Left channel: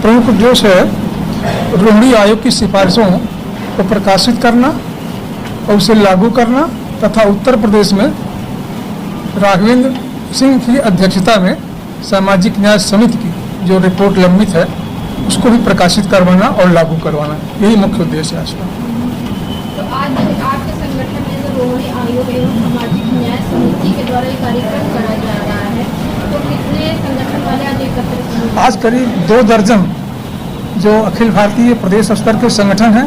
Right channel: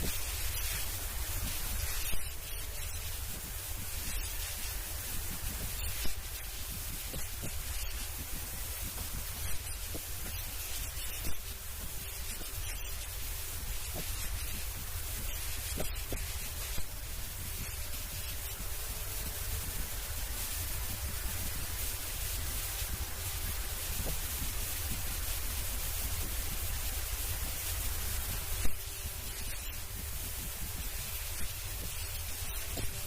प्रमुख उद्देश्य है रोहिणी आयोग की सिफारिशों को प्रकाशित करना और उसे लागू करना तथा उत्तर प्रदेश में राघवेंद्र सिंह की अध्यक्षता में सामाजिक न्याय समिति की जो रिपोर्ट लंबित है उसको भी प्रकाशित करवाना और लागू करवाना, यही मुख्य उद्देश्य है इसका। तो आज आपके संगठन में जो रोहिणी आयोग एवं सामाजिक न्याय समिति के द्वारा ये कार्यक्रम कराया जा रहा है, तो कितने संगठन वाले आज एकत्रित हुए? आज करीब 2 दर्जन जो अखिल भारतीय प्रदेश स्तर के संगठन हैं,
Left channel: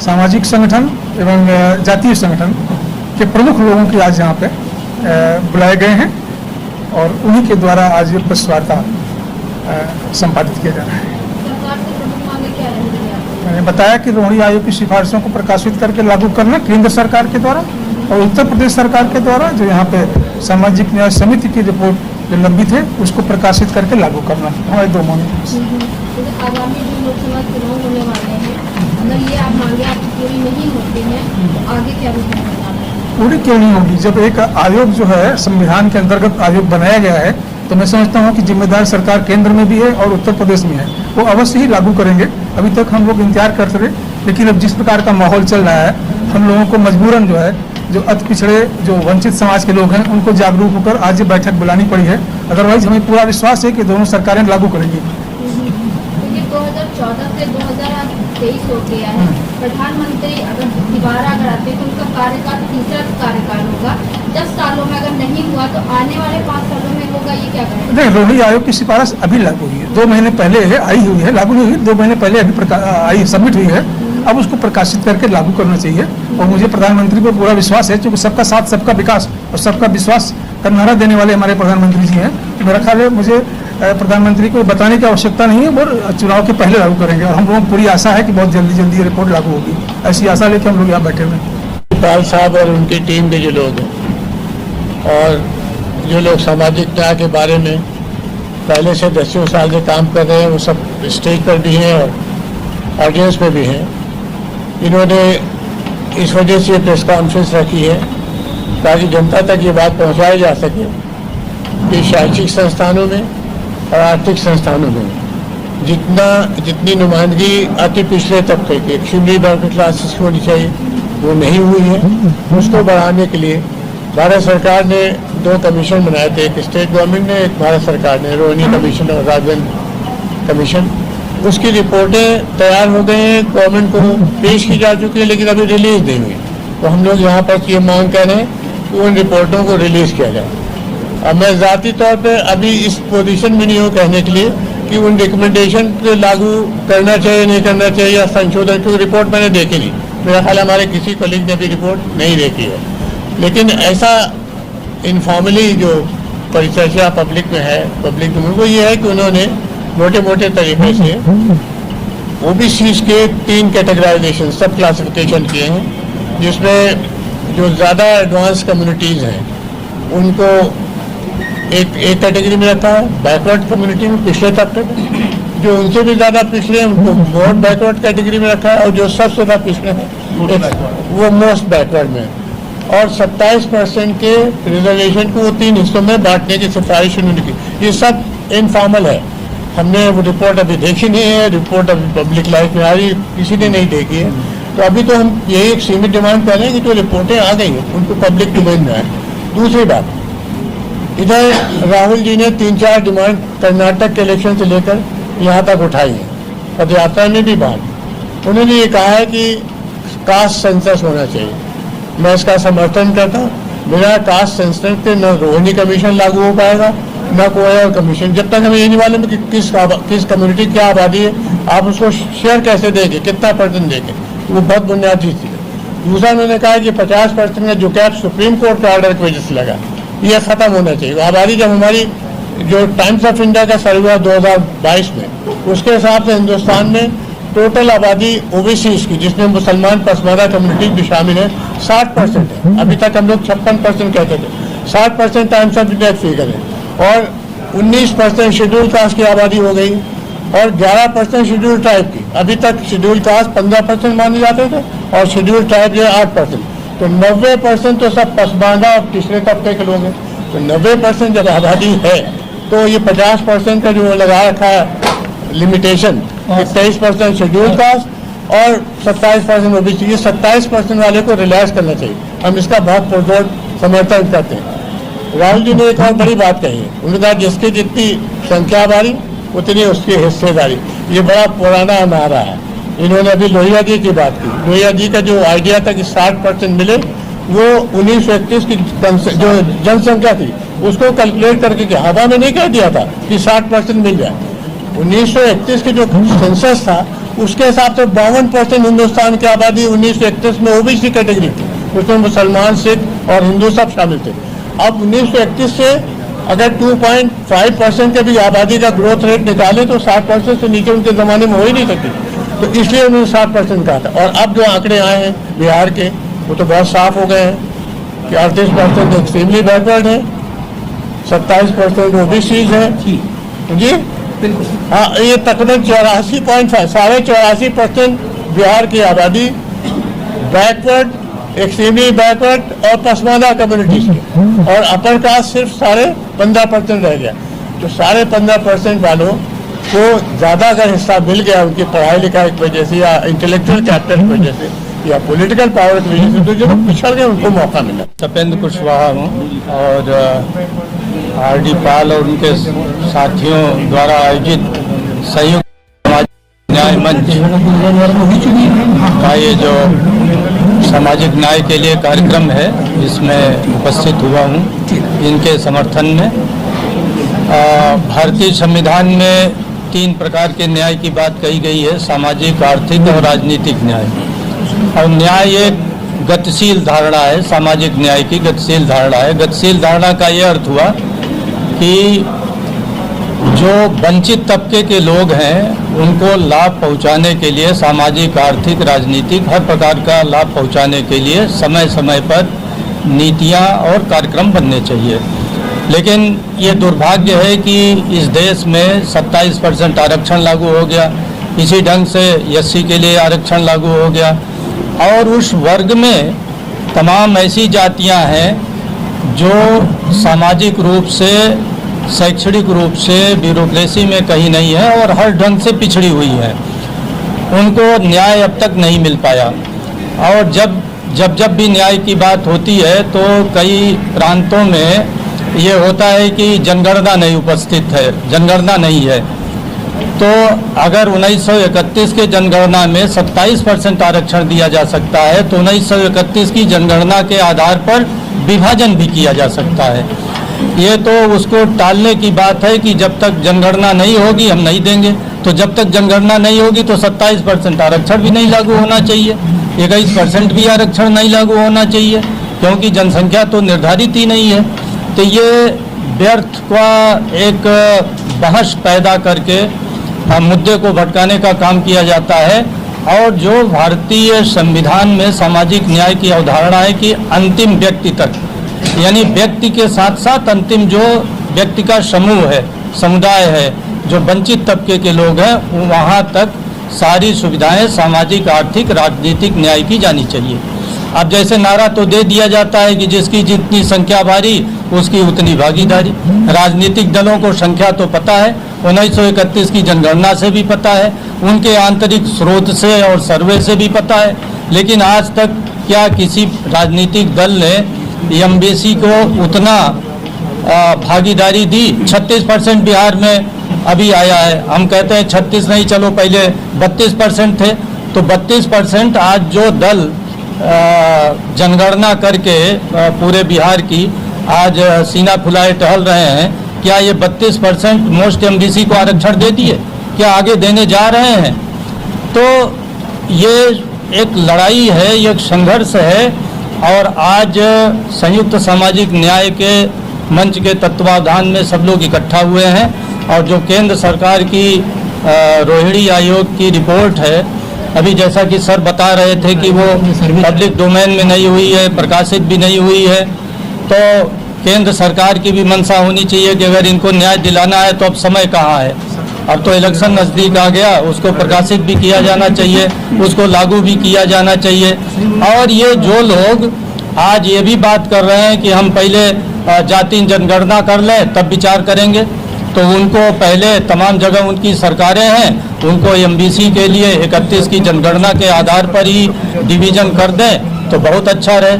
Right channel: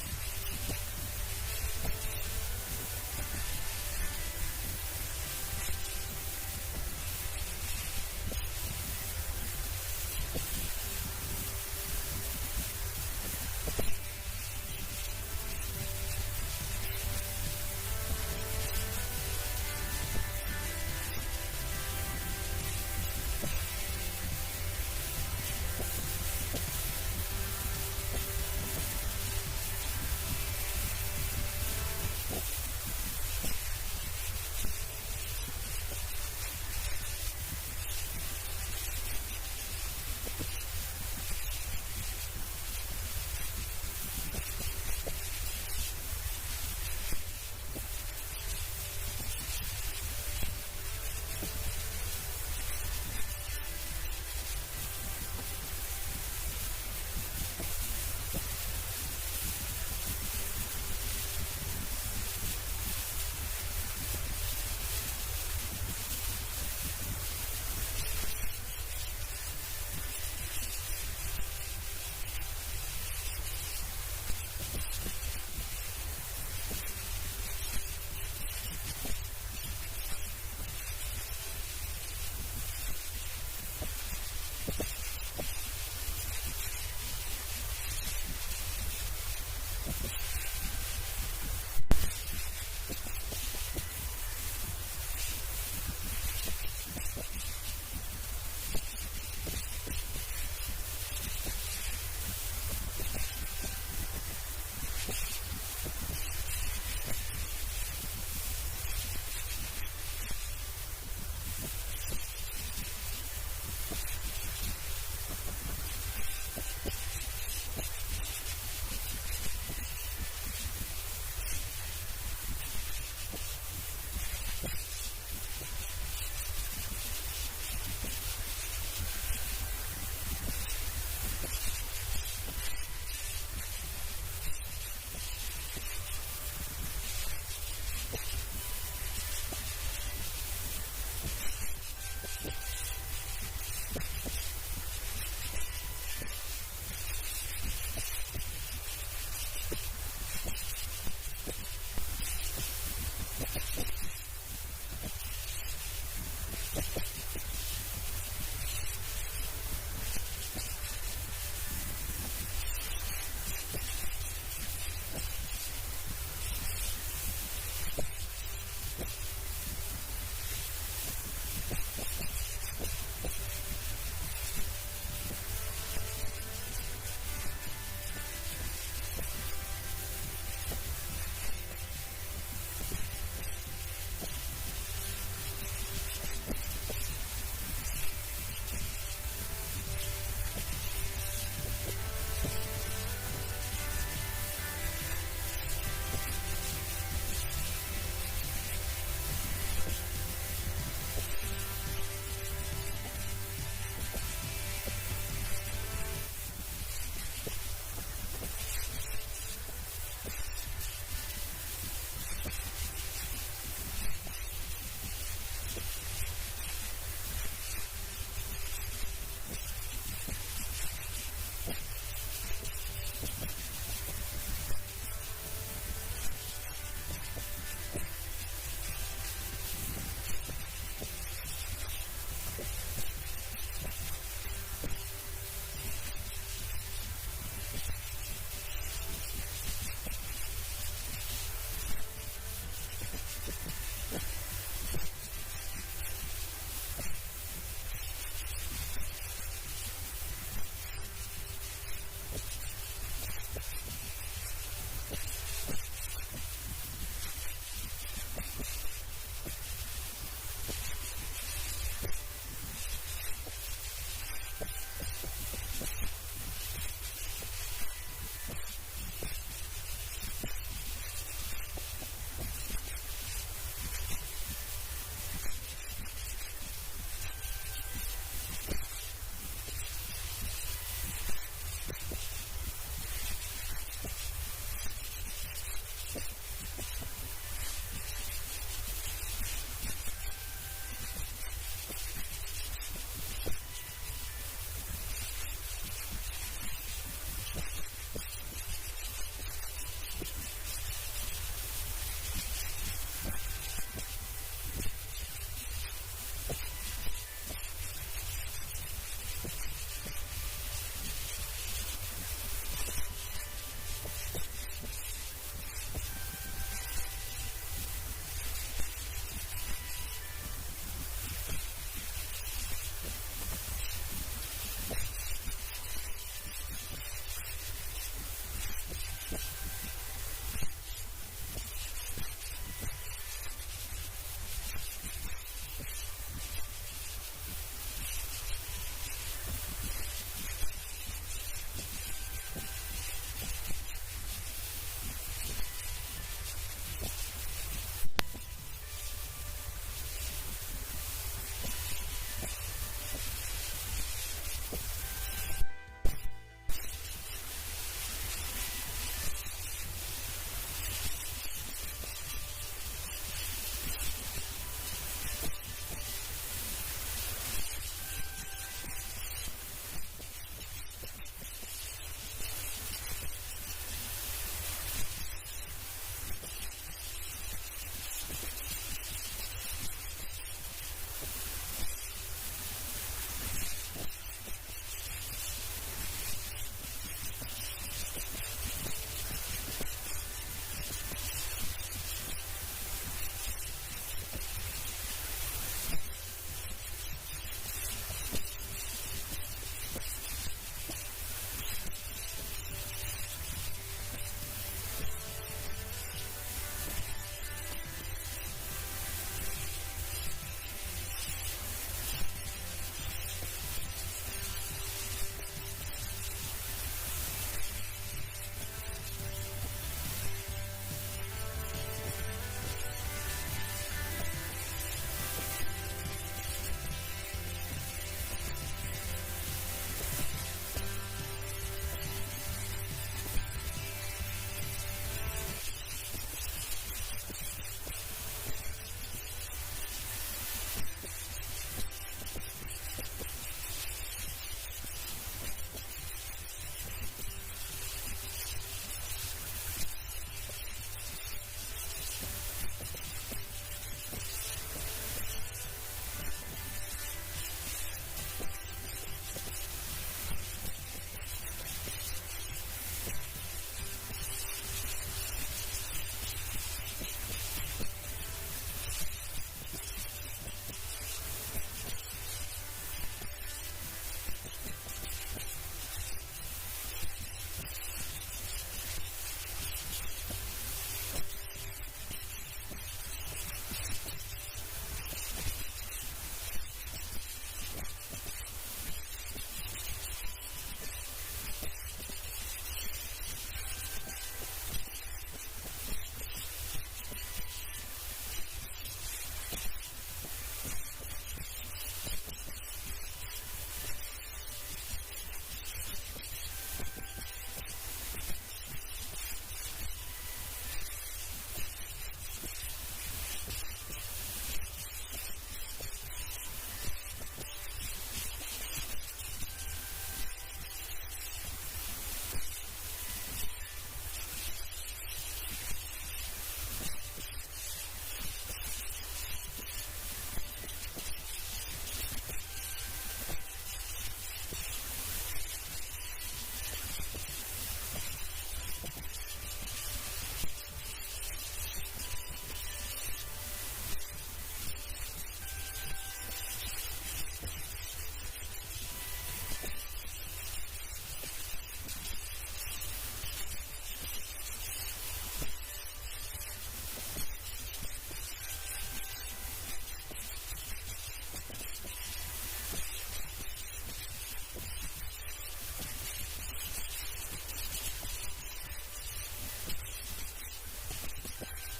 सामाजिक संगठन एवं जातीय संगठन के प्रमुख लोगों की आज यहाँ पे बुलाए गए हैं और उन्हीं के द्वारा आज ये प्रेस वार्ता संपादित किया जा रहा है। सरकार से प्रमुख मांगे क्या रहेंगी? मैंने बताया कि रोहिणी आयोग की सिफारिशों को प्रकाशित करके लागू करना केंद्र सरकार के द्वारा और उत्तर प्रदेश सरकार के द्वारा जो यहाँ पे सामाजिक न्याय समिति की रिपोर्ट जो लंबित है उसको प्रकाशित करके लागू करना, हमारे 2 मांगे। आगामी जो लोकसभा चुनाव होने वाले हैं, अगर ये आप मांगे आपकी पूरी नहीं होती हैं तो आगे क्या होगा? पूरी क्यों नहीं होगी? जब एक आयोग जो है संविधान के अंतर्गत आयोग बनाया गया है तो मैं समझता हूँ कि जिम्मेदार सरकार केंद्र में भी है और उत्तर प्रदेश में है, वो अवश्य ही लागू करेंगे। अभी तक हम लोग इंतजार करते रहे, लेकिन अब जिस प्रकार का माहौल चल रहा है हम लोगों को मजबूरन जो है जो अति पिछड़े जो वंचित समाज के लोग हैं उनको जागरूक होकर आज ये बैठक बुलानी पड़ी है। अदरवाइज हमें पूरा विश्वास है कि दोनों सरकारें लागू करेंगी। 2014 से 2023 हो गया है, प्रधानमंत्री अगर दोबारा अगर आते हैं तो उनका कार्यकाल तीसरा कार्यकाल होगा। 10 सालों में अगर नहीं हुआ तो आने वाले 5 सालों में होगा, ये क्या करेंगे? नहीं, रोहिणी आयोग की सिफारिश अभी लागू हुई है, 2 महीने पहले है आई हुई है, लागू नहीं हुई, 2 महीने पहले अभी आई सबमिट हुई है। अब उसको प्रकाशित करके लागू करना चाहिए और मुझे प्रधानमंत्री पर पूरा विश्वास है क्योंकि सबका साथ सबका विकास और सबका विश्वास का नारा देने वाले हमारे प्रधानमंत्री जी हैं। तो मेरा ख्याल है मुझे प्रधानमंत्री को बताने की आवश्यकता नहीं है, वो चुनाव के पहले लागू करेंगे और हम लोगों को पूरी आशा है कि बहुत जल्दी ये रिपोर्ट लागू होगी। ऐसी आशा लेके हम लोग यहाँ बैठे हुए हैं। पाल साहब और उनकी टीम के जो लोग हैं और जो लोग सामाजिक न्याय के बारे में पहले से 10 साल से काम कर रहे हैं वो सब स्टेज पर भी हैं और ऑडियंस में भी हैं। इन्होंने इस वजह से प्रेस कॉन्फ्रेंस रखी है ताकि जनता तक ये बात पहुंचाई जा सके कि शैक्षिक संस्थानों में और आर्थिक संस्थानों में जितनी नुमाइंदगी अति पिछड़े तबके के एक्सट्रीमली बैकवर्ड क्लासेस की होनी चाहिए वो नहीं हुई है। उसको बढ़ाने के लिए भारत सरकार ने 2 कमीशन बनाए थे, एक स्टेट गवर्नमेंट ने, एक भारत सरकार ने, रोहिणी कमीशन और राघवेंद्र कमीशन। उसकी रिपोर्टें तैयार हो गई हैं, गवर्नमेंट को पेश की जा चुकी है लेकिन अभी रिलीज नहीं हुई। तो हम लोग यहाँ पर ये मांग कर रहे हैं कि उन रिपोर्टों को रिलीज किया जाए। अब मैं ज़ाती तौर पे अभी इस पोजीशन में नहीं हूँ कहने के लिए कि उन रिकमेंडेशन को लागू करना चाहिए नहीं करना चाहिए या संशोधन, क्योंकि रिपोर्ट मैंने देखी नहीं। मेरा ख्याल हमारे किसी कलीग ने भी रिपोर्ट नहीं देखी है, लेकिन ऐसा इनफॉर्मली जो परिचर्चा पब्लिक में है, पब्लिक में वो ये है कि उन्होंने मोटे मोटे तरीके से ओबीसी के 3 कैटेगराइजेशन सब क्लासिफिकेशन किए हैं, जिसमें जो ज़्यादा एडवांस कम्युनिटीज़ हैं उनको एक कैटेगरी में रखा है, बैकवर्ड कम्युनिटी में पिछले तबके में, जो उनसे भी ज़्यादा पिछड़े हैं उनको मोस्ट बैकवर्ड कैटेगरी में रखा है और जो सबसे ज़्यादा पिछड़े हैं वो मोस्ट बैकवर्ड में, और 27% के रिजर्वेशन को 3 हिस्सों में बांटने की सिफारिश उन्होंने की। ये सब इनफॉर्मल है, हमने वो रिपोर्ट अभी देखी नहीं है, रिपोर्ट अभी पब्लिक लाइफ में आ रही, किसी ने नहीं देखी है। तो अभी तो हम यही एक सीमित डिमांड कर रहे हैं कि जो रिपोर्टें आ गई हैं उनको पब्लिक डोमेन में आए। दूसरी बात, इधर राहुल जी ने 3-4 डिमांड कर्नाटक के इलेक्शन से लेकर यहाँ तक उठाई है, पदयात्रा में भी बात। उन्होंने ये कहा है कि कास्ट सेंसस होना चाहिए, मैं इसका समर्थन करता हूँ। बिना कास्ट सेंसस के न रोहिणी कमीशन लागू हो पाएगा न कोई और कमीशन। जब तक हमें ये नहीं मालूम कि किस कम्युनिटी क्या आबादी है, आप उसको शेयर कैसे देंगे, कितना % देंगे, वो बहुत बुनियादी चीज़ है। दूसरा उन्होंने कहा कि 50% का जो कैप सुप्रीम कोर्ट के ऑर्डर की वजह से लगा, ये ख़त्म होना चाहिए। आबादी जब हमारी जो टाइम्स ऑफ इंडिया का सर्वे हुआ 2022 में, उसके हिसाब से हिंदुस्तान में टोटल आबादी ओबीसी की, जिसमें मुसलमान पसमानदा कम्युनिटी भी शामिल है, 60% है। अभी तक हम लोग 56% कहते थे, 60% टाइम्स ऑफ इंडिया फिगर है। और 19% शेड्यूल कास्ट की आबादी हो गई और 11% शेड्यूल ट्राइब की। अभी तक शेड्यूल कास्ट 15% माने जाते थे और शेड्यूल ट्राइब जो 8%। तो 90% तो सब पसमानदा और पिछले तबके के लोग हैं। तो 90% जब आबादी है तो ये 50% का जो लगा रखा है लिमिटेशन, 23% शेड्यूल कास्ट और 27% ओबीसी, ये 27% वाले को रिलैक्स करना चाहिए। हम इसका बहुत पुरजोर समर्थन करते हैं। राहुल जी ने एक और बड़ी बात कही है, उन्होंने कहा जिसकी जितनी संख्या बारी उतनी उसकी हिस्सेदारी। ये बड़ा पुराना नारा है। इन्होंने अभी लोहिया जी की बात की। लोहिया जी का जो आइडिया था कि 60% मिले, वो 1931 की जो जनसंख्या थी उसको कैलकुलेट करके कि हवा में नहीं कह दिया था कि 60% मिल जाए। 1931 की जो सेंसस था उसके हिसाब से 52% हिंदुस्तान की आबादी 1931 में ओबीसी कैटेगरी थी, उसमें मुसलमान, सिख और हिंदू सब शामिल थे। अब 1931 से अगर 2.5% के भी आबादी का ग्रोथ रेट निकाले तो 60% से नीचे उनके ज़माने में हो ही नहीं सकती, तो इसलिए उन्होंने 60% कहा था। और अब जो आंकड़े आए हैं बिहार के वो तो बहुत साफ हो गए हैं कि 38% एक्सट्रीमली बैकवर्ड है, 27% ओबीसीज है जी, हाँ, ये तकरीबन 84.5% बिहार की आबादी बैकवर्ड, एक्सट्रीमली बैकवर्ड और पसमानदा कम्युनिटीज की, और अपर कास्ट सिर्फ 15.5% रह गया। तो 15.5% वालों को ज़्यादा अगर हिस्सा मिल गया उनकी पढ़ाई लिखाई की वजह से या इंटेलेक्चुअल कैपिटल की वजह से या पॉलिटिकल पावर की वजह से, तो जो पिछड़ गए उनको मौका मिला। तपेंद्र कुशवाहा हूँ और आर.डी. पाल और उनके साथियों द्वारा आयोजित संयुक्त सामाजिक न्याय मंच का ये जो सामाजिक न्याय के लिए कार्यक्रम है इसमें उपस्थित हुआ हूँ। इनके समर्थन में भारतीय संविधान में 3 प्रकार के न्याय की बात कही गई है, सामाजिक, आर्थिक और राजनीतिक न्याय। और न्याय एक गतिशील धारणा है, सामाजिक न्याय की गतिशील धारणा है। गतिशील धारणा का ये अर्थ हुआ कि जो वंचित तबके के लोग हैं उनको लाभ पहुंचाने के लिए, सामाजिक, आर्थिक, राजनीतिक हर प्रकार का लाभ पहुंचाने के लिए समय समय पर नीतियां और कार्यक्रम बनने चाहिए। लेकिन ये दुर्भाग्य है कि इस देश में 27% आरक्षण लागू हो गया, इसी ढंग से एससी के लिए आरक्षण लागू हो गया, और उस वर्ग में तमाम ऐसी जातियां हैं जो सामाजिक रूप से, शैक्षणिक रूप से, ब्यूरोक्रेसी में कहीं नहीं है और हर ढंग से पिछड़ी हुई है। उनको न्याय अब तक नहीं मिल पाया। और जब भी न्याय की बात होती है तो कई प्रांतों में ये होता है कि जनगणना नहीं उपस्थित है, जनगणना नहीं है। तो अगर 1931 के जनगणना में 27% आरक्षण दिया जा सकता है तो 1931 की जनगणना के आधार पर विभाजन भी किया जा सकता है। ये तो उसको टालने की बात है कि जब तक जनगणना नहीं होगी हम नहीं देंगे। तो जब तक जनगणना नहीं होगी तो 27% आरक्षण भी नहीं लागू होना चाहिए, 21% भी आरक्षण नहीं लागू होना चाहिए, क्योंकि जनसंख्या तो निर्धारित ही नहीं है। तो ये व्यर्थ का एक बहस पैदा करके मुद्दे को भटकाने का काम किया जाता है। और जो भारतीय संविधान में सामाजिक न्याय की अवधारणा है कि अंतिम व्यक्ति तक, यानी व्यक्ति के साथ साथ अंतिम जो व्यक्ति का समूह है, समुदाय है, जो वंचित तबके के लोग हैं, वहाँ तक सारी सुविधाएं सामाजिक, आर्थिक, राजनीतिक न्याय की जानी चाहिए। अब जैसे नारा तो दे दिया जाता है कि जिसकी जितनी संख्या भारी उसकी उतनी भागीदारी। राजनीतिक दलों को संख्या तो पता है, 1931 की जनगणना से भी पता है, उनके आंतरिक स्रोत से और सर्वे से भी पता है। लेकिन आज तक क्या किसी राजनीतिक दल ने एमबीसी को उतना भागीदारी दी? 36% बिहार में अभी आया है। हम कहते हैं 36 नहीं, चलो पहले 32% थे, तो 32% आज जो दल जनगणना करके पूरे बिहार की आज सीना फुलाए टहल रहे हैं, क्या ये 32% मोस्ट एमबीसी को आरक्षण दे दिए? क्या आगे देने जा रहे हैं? तो ये एक लड़ाई है, ये एक संघर्ष है। और आज संयुक्त सामाजिक न्याय के मंच के तत्वावधान में सब लोग इकट्ठा हुए हैं। और जो केंद्र सरकार की रोहिणी आयोग की रिपोर्ट है, अभी जैसा कि सर बता रहे थे कि वो पब्लिक डोमेन में नहीं हुई है, प्रकाशित भी नहीं हुई है, तो केंद्र सरकार की भी मंशा होनी चाहिए कि अगर इनको न्याय दिलाना है तो अब समय कहाँ है। अब तो इलेक्शन नज़दीक आ गया, उसको प्रकाशित भी किया जाना चाहिए, उसको लागू भी किया जाना चाहिए। और ये जो लोग आज ये भी बात कर रहे हैं कि हम पहले जाति जनगणना कर लें तब विचार करेंगे, तो उनको पहले तमाम जगह उनकी सरकारें हैं, उनको एमबीसी के लिए 31 की जनगणना के आधार पर ही डिवीज़न कर दें तो बहुत अच्छा रहे।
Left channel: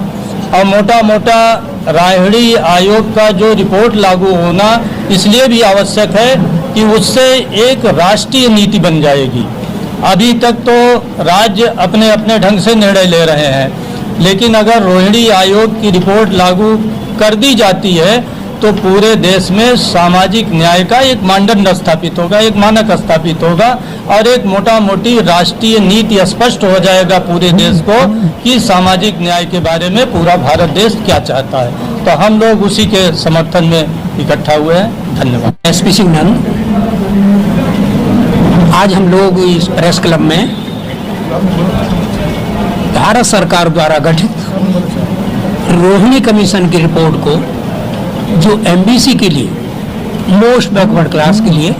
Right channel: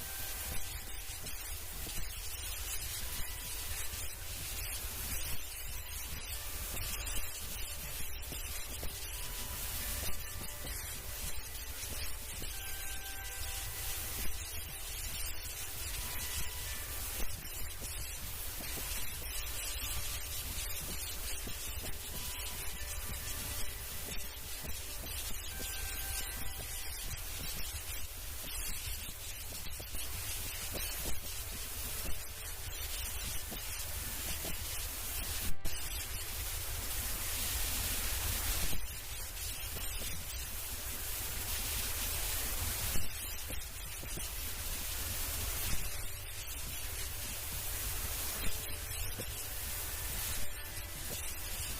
और मोटा मोटा रायहड़ी आयोग का जो रिपोर्ट लागू होना इसलिए भी आवश्यक है कि उससे एक राष्ट्रीय नीति बन जाएगी। अभी तक तो राज्य अपने अपने ढंग से निर्णय ले रहे हैं, लेकिन अगर रोहिणी आयोग की रिपोर्ट लागू कर दी जाती है तो पूरे देश में सामाजिक न्याय का एक मानदंड स्थापित होगा, एक मानक स्थापित होगा और एक मोटा मोटी राष्ट्रीय नीति स्पष्ट हो जाएगा पूरे देश को कि सामाजिक न्याय के बारे में पूरा भारत देश क्या चाहता है। तो हम लोग उसी के समर्थन में इकट्ठा हुए हैं। धन्यवाद। एसपी सिंह नंद, आज हम लोग इस प्रेस क्लब में भारत सरकार द्वारा गठित रोहिणी कमीशन की रिपोर्ट को, जो एमबीसी के लिए, मोस्ट बैकवर्ड क्लास के लिए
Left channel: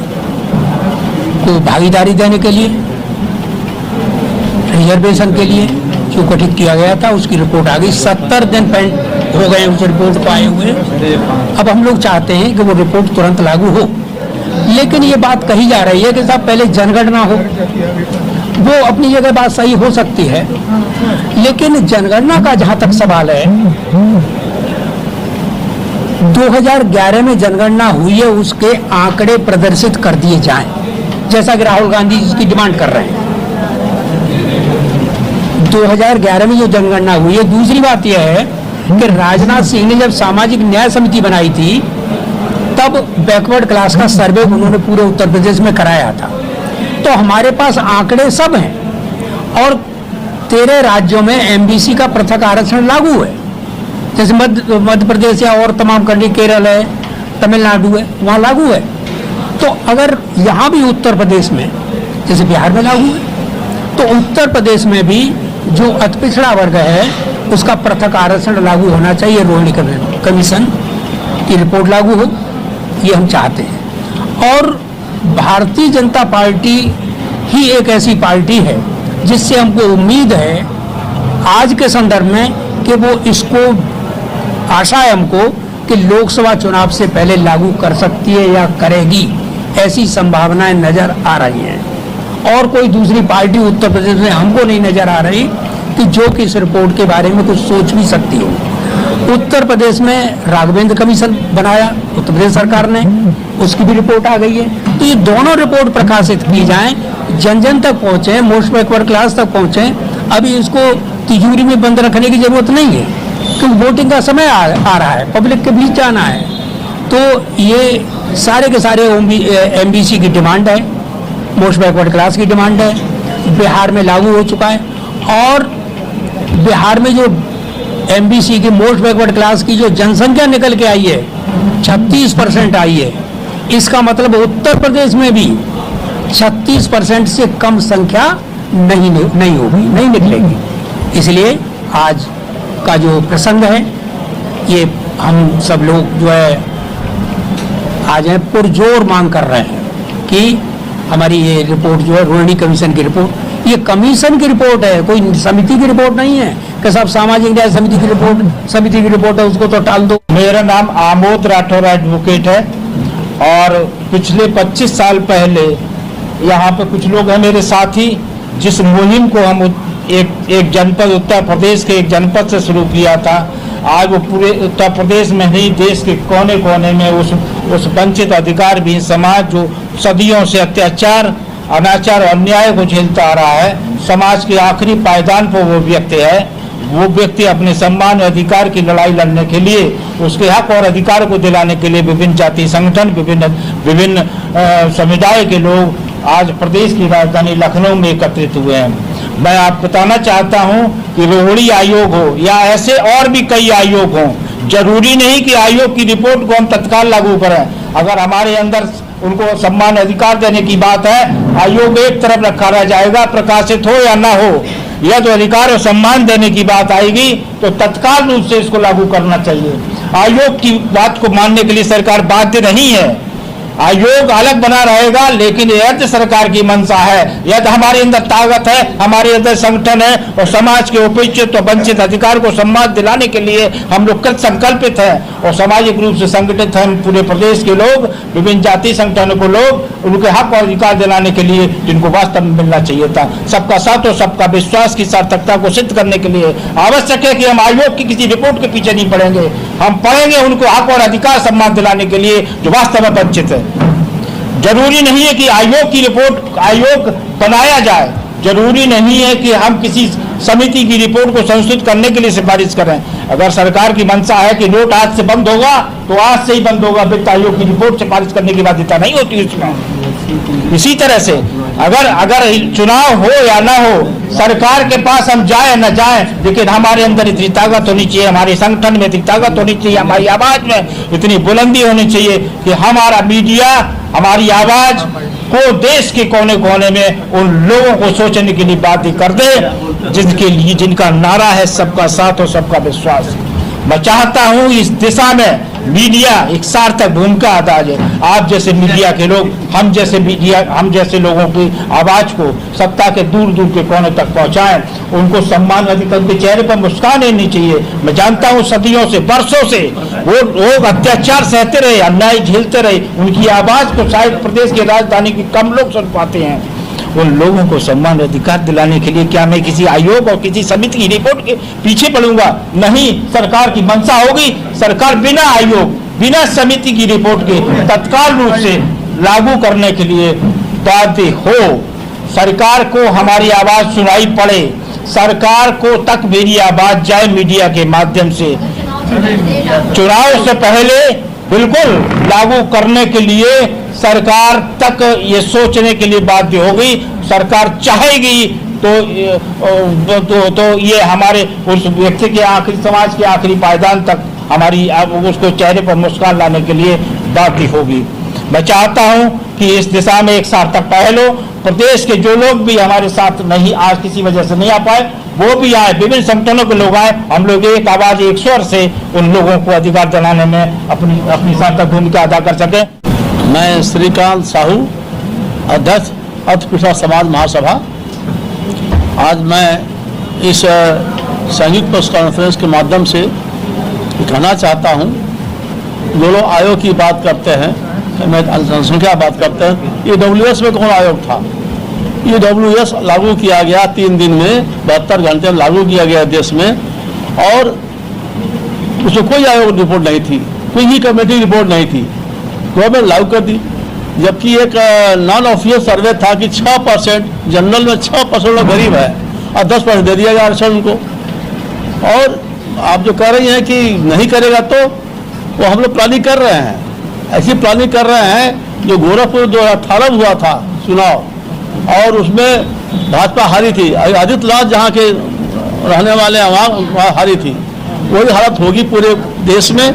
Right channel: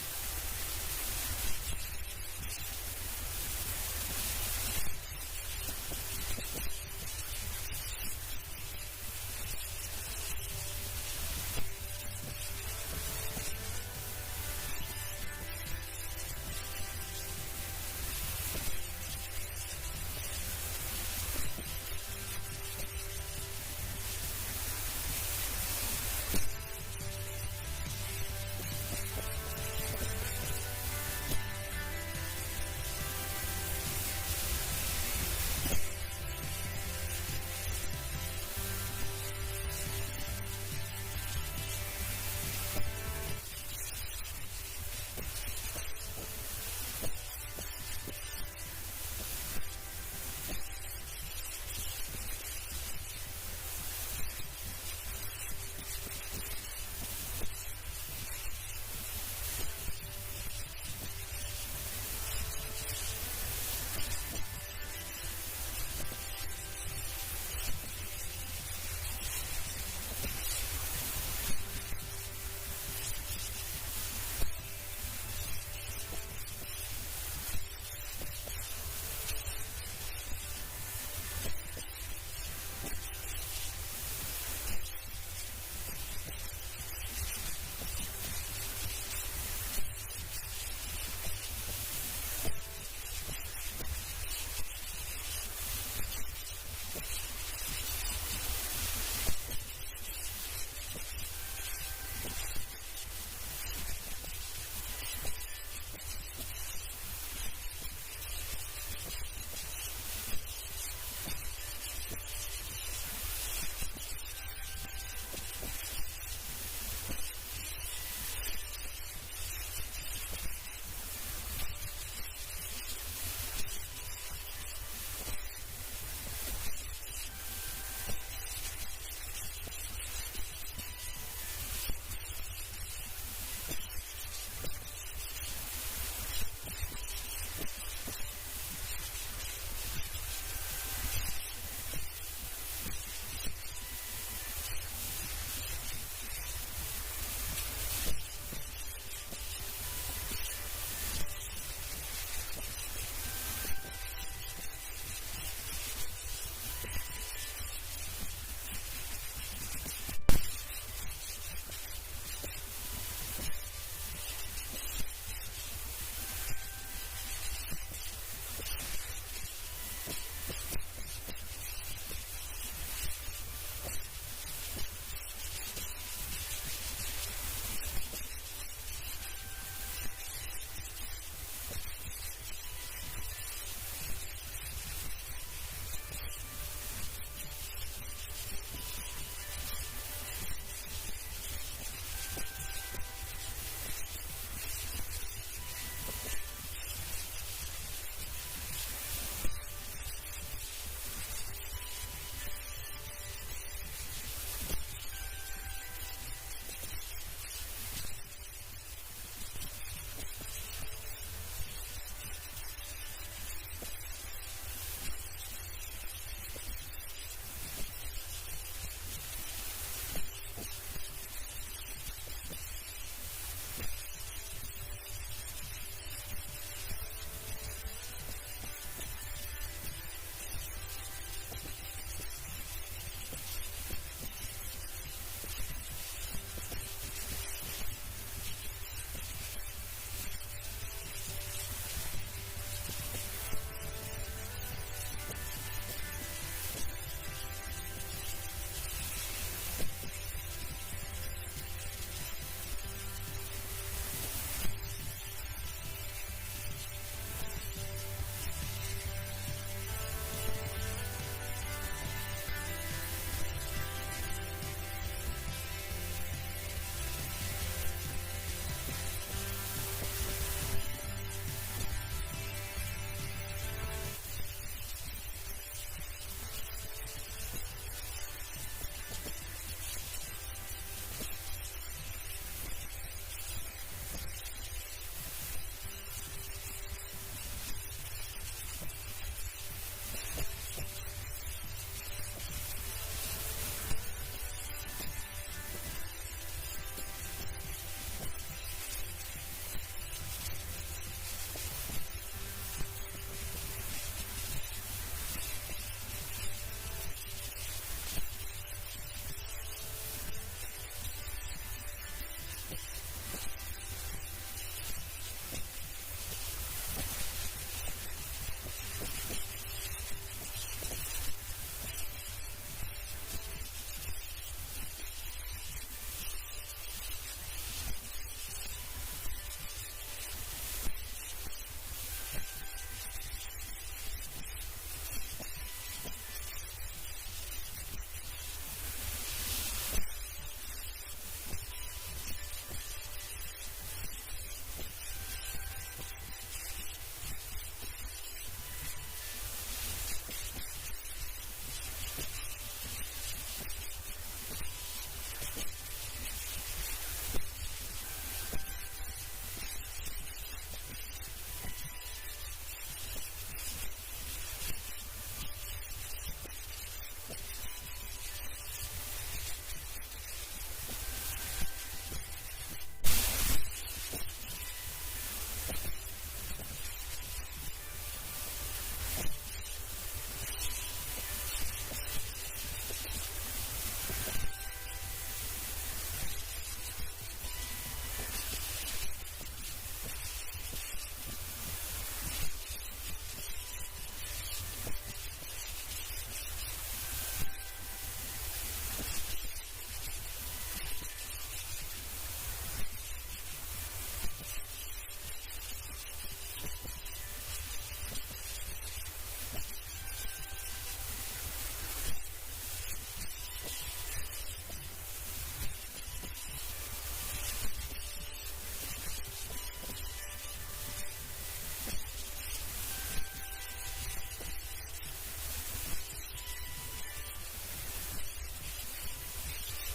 को भागीदारी देने के लिए, रिजर्वेशन के लिए जो गठित किया गया था, उसकी रिपोर्ट आ गई। 70 दिन पेंड हो गए उस रिपोर्ट को आए हुए। अब हम लोग चाहते हैं कि वो रिपोर्ट तुरंत लागू हो, लेकिन ये बात कही जा रही है कि साहब पहले जनगणना हो। वो अपनी जगह बात सही हो सकती है, लेकिन जनगणना का जहां तक सवाल है, 2011 में जनगणना हुई है, उसके आंकड़े प्रदर्शित कर दिए जाएं, जैसा कि राहुल गांधी इसकी डिमांड कर रहे हैं। 2011 में जो जनगणना हुई है। दूसरी बात यह है कि राजनाथ सिंह ने जब सामाजिक न्याय समिति बनाई थी, तब बैकवर्ड क्लास का सर्वे उन्होंने पूरे उत्तर प्रदेश में कराया था। तो हमारे पास आंकड़े सब हैं और 13 राज्यों में एमबीसी का पृथक आरक्षण लागू है। जैसे मध्य प्रदेश या और तमाम कंट्री, केरल है, तमिलनाडु है, वहाँ लागू है। तो अगर यहाँ भी उत्तर प्रदेश में, जैसे बिहार में लागू है, तो उत्तर प्रदेश में भी जो अति पिछड़ा वर्ग है उसका पृथक आरक्षण लागू होना चाहिए। रोहिणी कमीशन की रिपोर्ट लागू हो, ये हम चाहते हैं। और भारतीय जनता पार्टी ही एक ऐसी पार्टी है जिससे हमको उम्मीद है आज के संदर्भ में कि वो इसको, आशा है हमको कि लोकसभा चुनाव से पहले लागू कर सकती है या करेगी, ऐसी संभावनाएं नजर आ रही हैं। और कोई दूसरी पार्टी उत्तर प्रदेश में हमको नहीं नजर आ रही कि जो कि इस रिपोर्ट के बारे में कुछ सोच भी सकती हो। उत्तर प्रदेश में राघवेंद्र कमीशन बनाया उत्तर प्रदेश सरकार ने, उसकी भी रिपोर्ट आ गई है। तो ये दोनों रिपोर्ट प्रकाशित की जाएं, जन जन तक पहुंचे, मोस्ट बैकवर्ड क्लास तक पहुंचे। अभी इसको तिजोरी में बंद रखने की जरूरत नहीं है, क्योंकि वोटिंग का समय आ रहा है, पब्लिक के बीच जाना है। तो ये सारे के सारे एमबीसी की डिमांड है, मोस्ट बैकवर्ड क्लास की डिमांड है, बिहार में लागू हो चुका है। और बिहार में जो एमबीसी की, मोस्ट बैकवर्ड क्लास की जो जनसंख्या निकल के आई है, 36% आई है। इसका मतलब उत्तर प्रदेश में भी 36% से कम संख्या नहीं होगी, नहीं निकलेगी। इसलिए आज का जो प्रसंग है, ये हम सब लोग जो है आज है पुरजोर मांग कर रहे हैं कि हमारी ये रिपोर्ट जो है, रोहिणी कमीशन की रिपोर्ट, ये कमीशन की रिपोर्ट है, कोई समिति की रिपोर्ट नहीं है कि साहब सामाजिक न्याय समिति की रिपोर्ट है, उसको तो टाल दो। मेरा नाम आमोद राठौर एडवोकेट है और पिछले 25 साल पहले यहाँ पे कुछ लोग हैं मेरे साथी, जिस मुहिम को हम एक जनपद, उत्तर प्रदेश के एक जनपद से शुरू किया था। आज वो पूरे उत्तर प्रदेश में ही, देश के कोने कोने में उस वंचित अधिकार भी समाज जो सदियों से अत्याचार, अनाचार और अन्याय को झेलता आ रहा है, समाज के आखिरी पायदान पर वो व्यक्ति है। वो व्यक्ति अपने सम्मान और अधिकार की लड़ाई लड़ने के लिए, उसके हक और अधिकार को दिलाने के लिए विभिन्न जाति संगठन, विभिन्न समुदाय के लोग आज प्रदेश की राजधानी लखनऊ में एकत्रित हुए हैं। मैं आप बताना चाहता हूं कि रोहिणी आयोग हो या ऐसे और भी कई आयोग हों, जरूरी नहीं कि आयोग की रिपोर्ट को हम तत्काल लागू करें। अगर हमारे अंदर उनको सम्मान अधिकार देने की बात है, आयोग एक तरफ रखा रह जाएगा, प्रकाशित हो या ना हो। यह तो अधिकार और सम्मान देने की बात आएगी तो तत्काल रूप से इसको लागू करना चाहिए। आयोग की बात को मानने के लिए सरकार बाध्य नहीं है। आयोग अलग बना रहेगा, लेकिन यदि सरकार की मंशा है, यदि हमारे अंदर ताकत है, हमारे अंदर संगठन है और समाज के उपेक्षित और वंचित अधिकार को सम्मान दिलाने के लिए हम लोग कृत संकल्पित हैं और सामाजिक रूप से संगठित हैं। पूरे प्रदेश के लोग, विभिन्न जाति संगठनों को लोग उनके हक और अधिकार दिलाने के लिए जिनको वास्तव में मिलना चाहिए था। सबका साथ और सबका विश्वास की सार्थकता को सिद्ध करने के लिए आवश्यक है कि हम आयोग की किसी रिपोर्ट के पीछे नहीं पड़ेंगे, हम पढ़ेंगे उनको हक और अधिकार सम्मान दिलाने के लिए जो वास्तव में वंचित है। जरूरी नहीं है कि आयोग की रिपोर्ट आयोग बनाया जाए, जरूरी नहीं है कि हम किसी समिति की रिपोर्ट को संशोधित करने के लिए सिफारिश करें। अगर सरकार की मंशा है कि नोट आज से बंद होगा तो आज से ही बंद होगा, वित्त आयोग की रिपोर्ट सिफारिश करने की बाध्यता नहीं होती उसमें। इसी तरह से अगर चुनाव हो या ना हो, सरकार के पास हम जाए न जाए, लेकिन हमारे अंदर इतनी ताकत होनी चाहिए, हमारे संगठन में इतनी ताकत होनी चाहिए, हमारी आवाज में इतनी बुलंदी होनी चाहिए कि हमारा मीडिया हमारी आवाज को देश के कोने कोने में उन लोगों को सोचने के लिए बात कर दे जिनके लिए जिनका नारा है सबका साथ और सबका विश्वास। मैं चाहता हूं इस दिशा में मीडिया एक सार्थक भूमिका अदा करे। आप जैसे मीडिया के लोग, हम जैसे लोगों की आवाज को सत्ता के दूर दूर के कोने तक पहुंचाएं, उनको सम्मान अधिकार, उनके चेहरे पर मुस्कान आनी चाहिए। मैं जानता हूं सदियों से, वर्षों से वो लोग अत्याचार सहते रहे, अन्याय झेलते रहे, उनकी आवाज को शायद प्रदेश की राजधानी की कम लोग सुन पाते हैं। उन लोगों को सम्मान अधिकार दिलाने के लिए क्या मैं किसी आयोग और किसी समिति की रिपोर्ट के पीछे पड़ूंगा? नहीं, सरकार की मंशा होगी, सरकार बिना आयोग, बिना समिति की रिपोर्ट के तत्काल रूप से लागू करने के लिए बाध्य हो। सरकार को हमारी आवाज सुनाई पड़े, सरकार को तक मेरी आवाज जाए मीडिया के माध्यम से। चुनाव से पहले बिल्कुल लागू करने के लिए सरकार तक ये सोचने के लिए बाध्य होगी। सरकार चाहेगी तो ये हमारे उस व्यक्ति के आखिरी, समाज के आखिरी पायदान तक हमारी उसको चेहरे पर मुस्कान लाने के लिए बाध्य होगी। मैं चाहता हूं कि इस दिशा में एक सार्थक पहल हो। प्रदेश के जो लोग भी हमारे साथ नहीं, आज किसी वजह से नहीं आ पाए, वो भी आए, विभिन्न संगठनों के लोग आए, हम लोग एक आवाज एक स्वर से उन लोगों को अधिकार दिलाने में अपनी सार्थक भूमिका अदा कर सके। मैं श्रीकांत साहू, अध्यक्ष अति पिछड़ा समाज महासभा। आज मैं इस संयुक्त प्रेस कॉन्फ्रेंस के माध्यम से कहना चाहता हूं, जो लोग आयोग की बात करते हैं, मैं जनसंख्या बात करते हैं, EWS में कौन आयोग था? EWS लागू किया गया 3 दिन में, 72 घंटे में लागू किया गया देश में, और उसमें कोई आयोग रिपोर्ट नहीं थी, कोई ही कमेटी रिपोर्ट नहीं थी, गवर्नमेंट लागू कर दी। जबकि एक नॉन ऑफिशियल सर्वे था कि 6% जनरल में 6% लोग गरीब है और 10% दे दिया गया आरक्षण उनको। और आप जो कह रही हैं कि नहीं करेगा, तो वो हम लोग प्लानिंग कर रहे हैं, ऐसी प्लानिंग कर रहे हैं। जो गोरखपुर 2018 में हुआ था चुनाव, और उसमें भाजपा हारी थी, आदित्यनाथ जहाँ के रहने वाले हैं वहाँ हारी थी, वही हालत होगी पूरे देश में।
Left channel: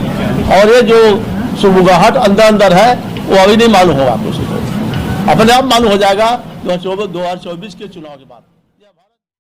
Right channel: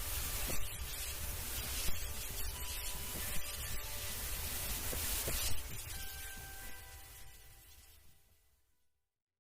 और ये जो सुबुगाहट अंदर है वो अभी नहीं मालूम होगा, किसी को अपने आप मालूम हो जाएगा 2024 के चुनाव के बाद।